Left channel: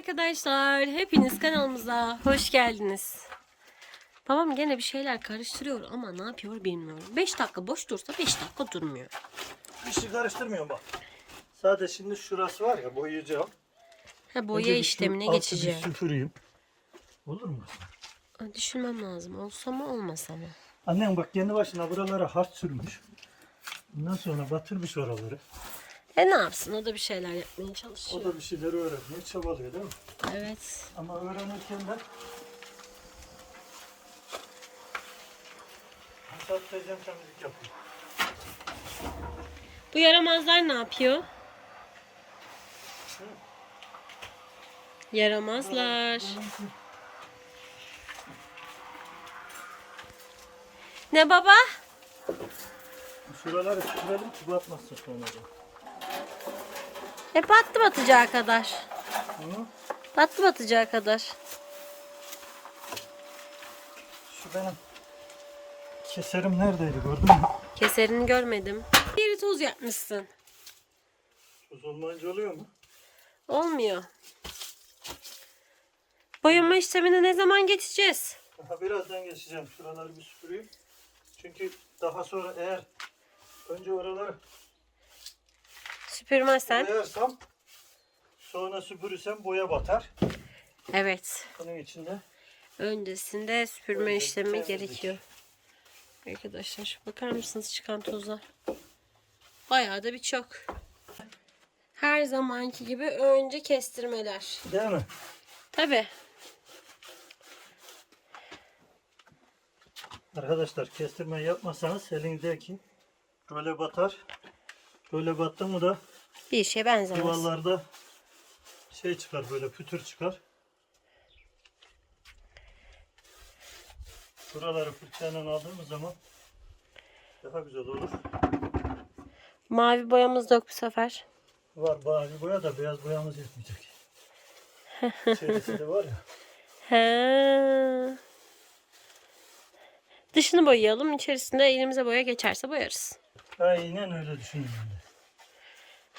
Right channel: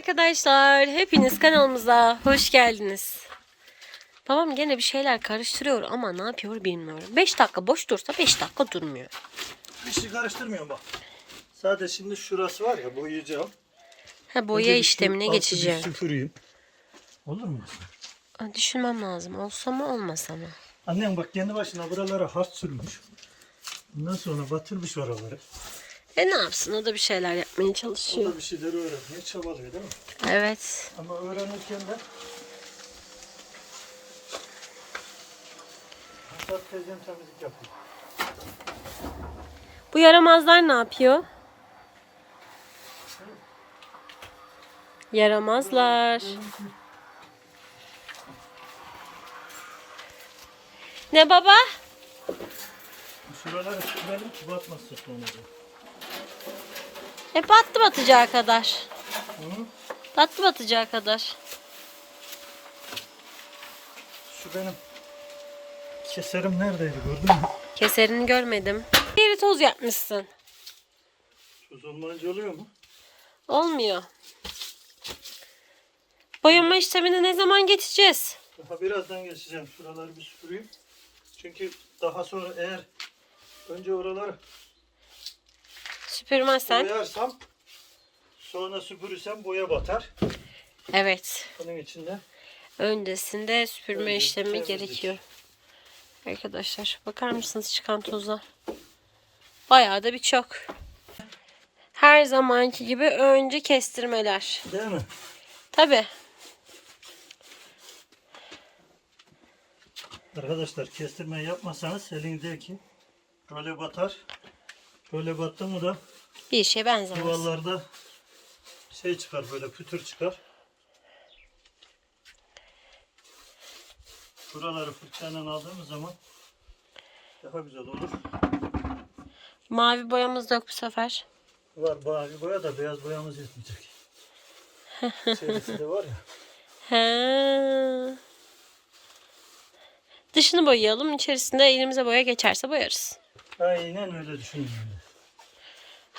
arkadaşlar. Hepiniz kanalımıza hoş geldiniz. Babam gene bir şeyler karıştırıyor ama ne yapıyor bilmiyorum. 5 dakika boş dursa 5 dakika durmuyor. Bir şey karıştırmıyorum bak. Sadece şimdi şurası var ya boyayacağım. Ha boya Önce şu işlemine bir geçeceğim. Süpüreyim. Olur mu? Düşünmem lazım. Olsa mı olmasa mı? Annem bak kendi başına buralara hart sürmüş. Ondan sonra batırmış oraları. E ne yapsın? O da bir şeyler yapmaya O çalışıyor. da bir şeyleri öğrenmeye çabalıyor değil mi? Evet. Ama öğrenirken de Hasat teyzem temizlik yapıyor. Bu yaramazlar ne yapıyor? Yaramazlar. Ne baba? Şuraları süpürelim ki batmasın sonra. E battı batacağı kadar. Hı? Battı batacağı kadar. Şu benim keserim neredeydi gördün mü? Keserini görmedim. Yeri toz yapmışsın. Söz olmayınca oluyor mu? Olmuyor. Boyama işlemine ne zaman geçeceğiz? Daha birazdan geçeceğim. Şuraları bir süpüreyim. Çünkü daha sonra eğer önce oraları Süpürmezsen. boyarsam sonra süpürürsem boya batar. Evet. Onun için de Öncesinde süpürme Önce işlemi temizlik. gerekiyor. Arkadaşlar bakar mısınız çıkan toza? Bayağı da birçok. Her zamanki gibi önce kestirmeler. değil mi? Tabi. Arkadaşlar kestirme yapmasanız elinizdeki böyle batar. Böyle battı mı da Bir işe benzemez. yuvalarda şey çıkar böyle pütür çıkar. Buraları fırçayla aldığımız zaman daha güzel olur. Mavi boyamız da yok bu sefer. Var mavi boya da beyaz boyamız yetmeyecek. İçerisinde var ya. He. Dışını boyayalım. İçerisinde elimize boya geçerse boyarız. Aynen öyle de.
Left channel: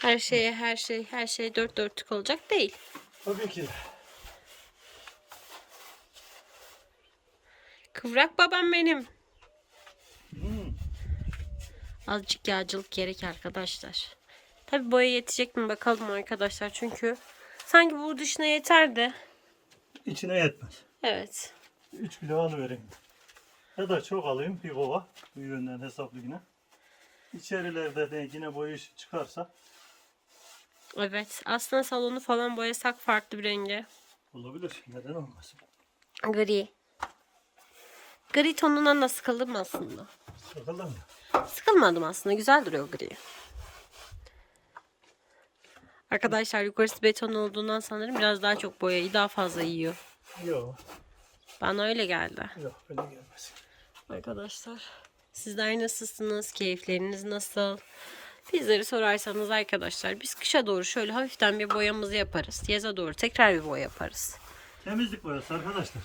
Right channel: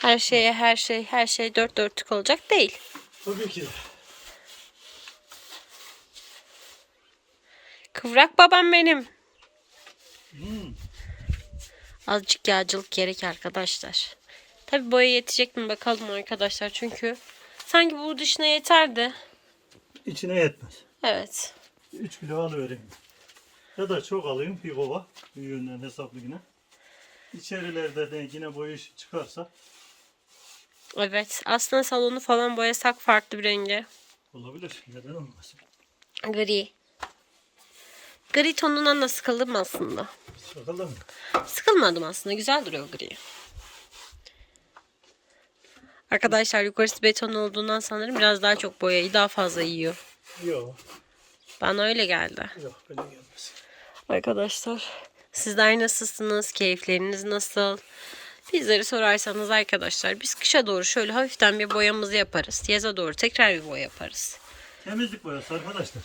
Her şeye her şey her şey dört dörtlük olacak değil. Tabii ki. Kıvrak babam benim. Hmm. Azıcık yağcılık gerek arkadaşlar. Tabi boya yetecek mi bakalım arkadaşlar. Çünkü sanki bu dışına yeterdi. İçine yetmez. Evet. 3 kilo alıvereyim. Ya da çok alayım bir kova. Büyüğünden hesaplı yine. İçerilerde de yine boya işi çıkarsa Evet. Aslında salonu falan boyasak farklı bir renge. olabilir. Neden olmasın? Gri. Gri tonundan da sıkıldım aslında. Bakalım mı? Sıkılmadım aslında. Güzel duruyor gri. Arkadaşlar yukarısı beton olduğundan sanırım biraz daha çok boyayı daha fazla yiyor. Yok. Bana öyle geldi. Yok öyle gelmez. Arkadaşlar sizler nasılsınız? Keyifleriniz nasıl? Bizleri sorarsanız arkadaşlar biz kışa doğru şöyle hafiften bir boyamızı yaparız. Yaza doğru tekrar bir boya yaparız. Temizlik boyası arkadaşlar.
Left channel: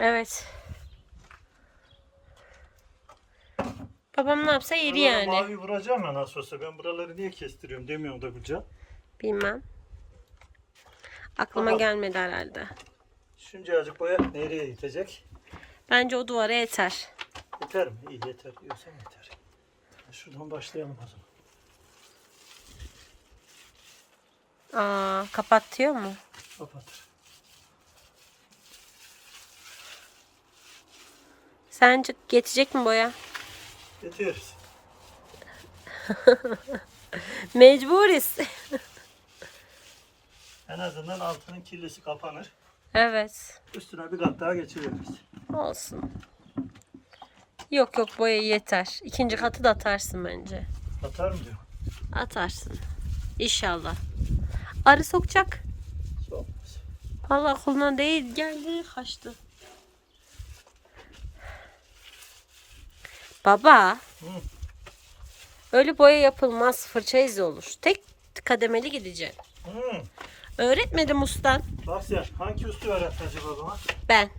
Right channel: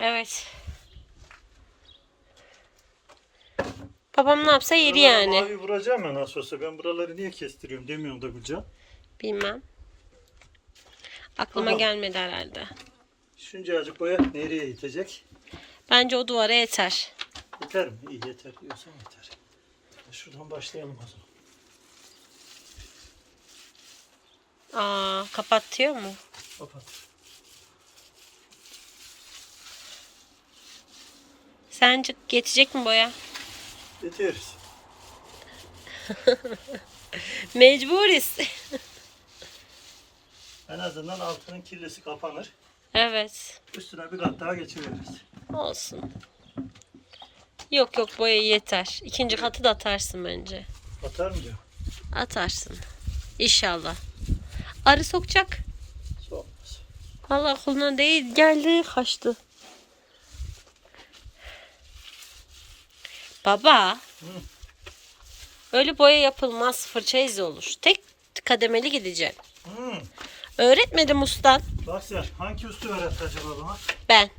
Evet. Babam ne yapsa yeri Buralara yani. Mavi vuracağım ya nasıl olsa. Ben buraları niye kestiriyorum demiyorum da Gülcan. Bilmem. Aklıma Bakalım. gelmedi herhalde. Şuncacık boya nereye yetecek? Bence o duvara yeter. Yeter mi? İyi yeter diyorsan yeter. Şuradan başlayalım zaman. Aa, kapatıyor mu? Kapat. Sence yetecek mi boya? Yeteriz. Mecburiz. En azından altının kirlisi kapanır. evet. Üstüne bir kat daha geçiveririz. Olsun. Yok yok boya yeter. İkinci katı da atarsın bence. Atar mı diyor? Atarsın. İnşallah. Arı sokacak. Olmaz. Allah koluna değil geldi kaçtı. Baba. Hı. Öyle boya yapılmaz. Fırça izi olur. Tek kademeli gideceğim. Hmm. Öğretmedim ustan. Bak sen hangi üstü öğretti acaba bana? Ben.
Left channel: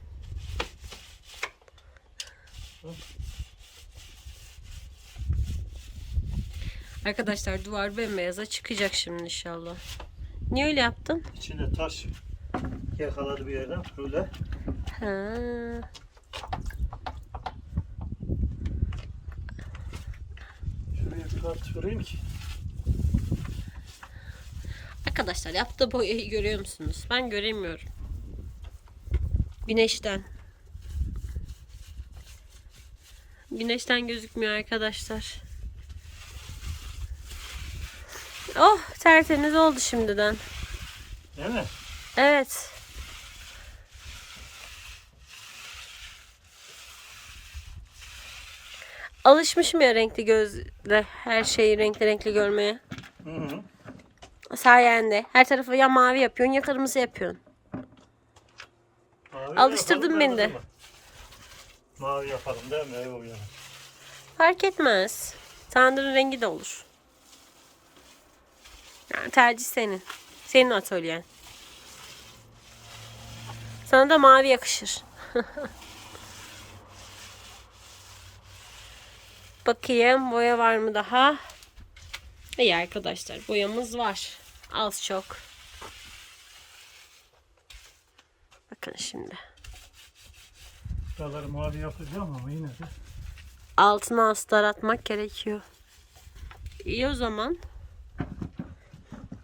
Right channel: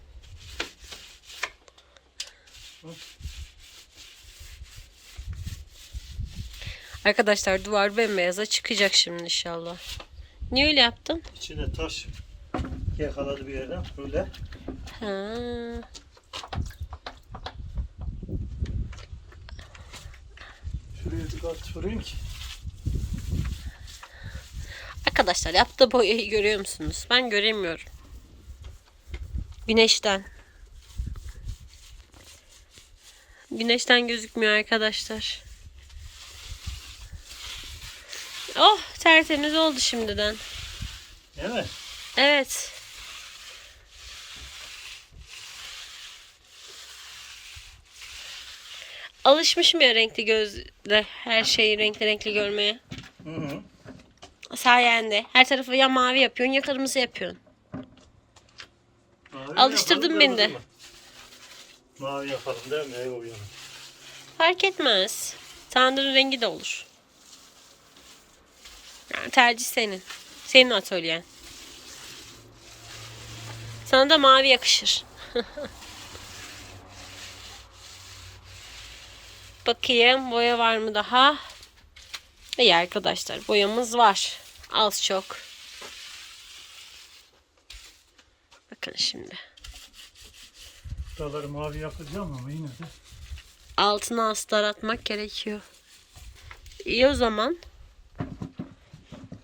Arkadaşlar duvar bembeyaz'a çıkacak şimdi inşallah. Niye öyle yaptın? İçine taş yakaladı bir yerden. Böyle. Ha. Şuraya bir kat süreyim ki. Arkadaşlar yaptığı boyayı görüyor musunuz? Ben göremiyorum. Güneşten. Güneşten gözükmüyor arkadaşlar. Oh tertemiz oldu şimdiden. Değil mi? Evet. Alışmışım ya renkli gözle her şeyi renkli renkli görmeye. Hı hı. Sayende. Her tarafı ya mavi yapıyorsun ya kırmızı yapıyorsun. Mavi Alıştırdın yapalım, beni de. mı? Mavi yapalım değil mi? Ev uyanır. Fark etmez. Tandırın rengi de olur. Tercih senin. Senin atölyen. Sana da mavi yakışır. Bakayım boya var mı daha? İyi arkadaşlar boyamız var. Az çok. Bakın şimdi. Buraları mavi yapacağım ama yine de. Altına astar atmak gerekiyor. İyi o zaman.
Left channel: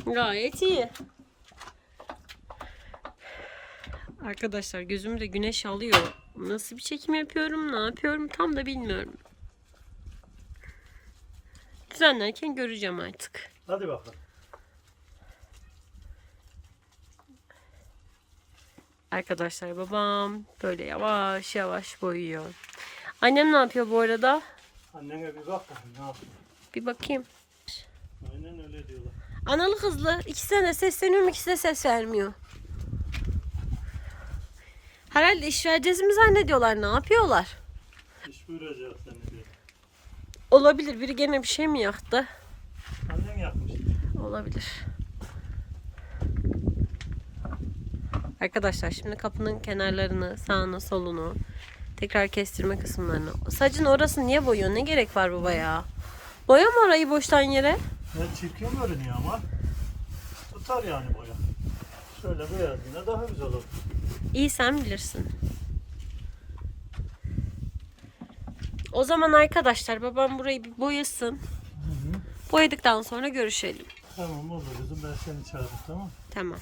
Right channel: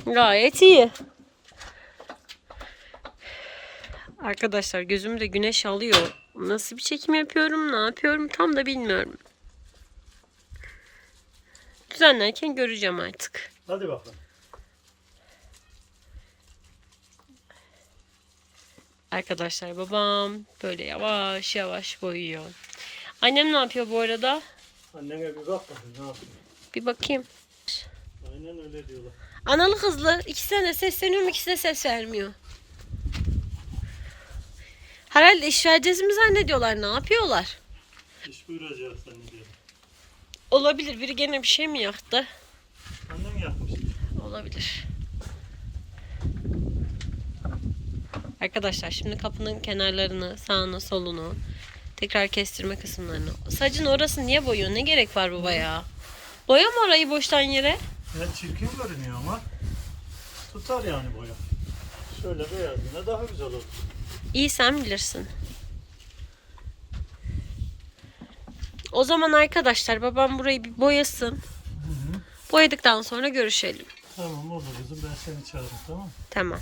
Gayet iyi. Arkadaşlar gözümde güneş alıyor. Nasıl bir çekim yapıyorum, ne yapıyorum tam da bilmiyorum. Düzenlerken göreceğim artık. Hadi bakalım. Arkadaşlar babam böyle yavaş yavaş boyuyor. Annem ne yapıyor bu arada? Annene bir bak bakayım ne yapıyor. Bir bakayım. Aynen öyle diyorlar. Analı kızlı. İkisine de sesleniyorum ikisi de ses vermiyor. Herhalde iş vereceğiz mi zannediyorlar? Ne yapıyorlar? İş buyuracak zannediyorum. Olabilir. Biri gene bir şey mi yaktı? Annen yapmış. Olabilir. Arkadaşlar şimdi kapının kenarlarını, sağını, solunu tekrar kestirme kısımlarını. Sacın orası niye boyuyor? Ne gerek var baba ya? Boyama orayı boştan yere. Ne çirkin görünüyor ama. Tutar yani boya. Şöyle beyazında daha güzel olur. İyi sen bilirsin. O zaman arkadaşlar babam burayı bir boyasın. Hı hı. Boyadıktan sonra görüşelim. Tamam olur kızım ben seni çağırırım tamam? Tamam.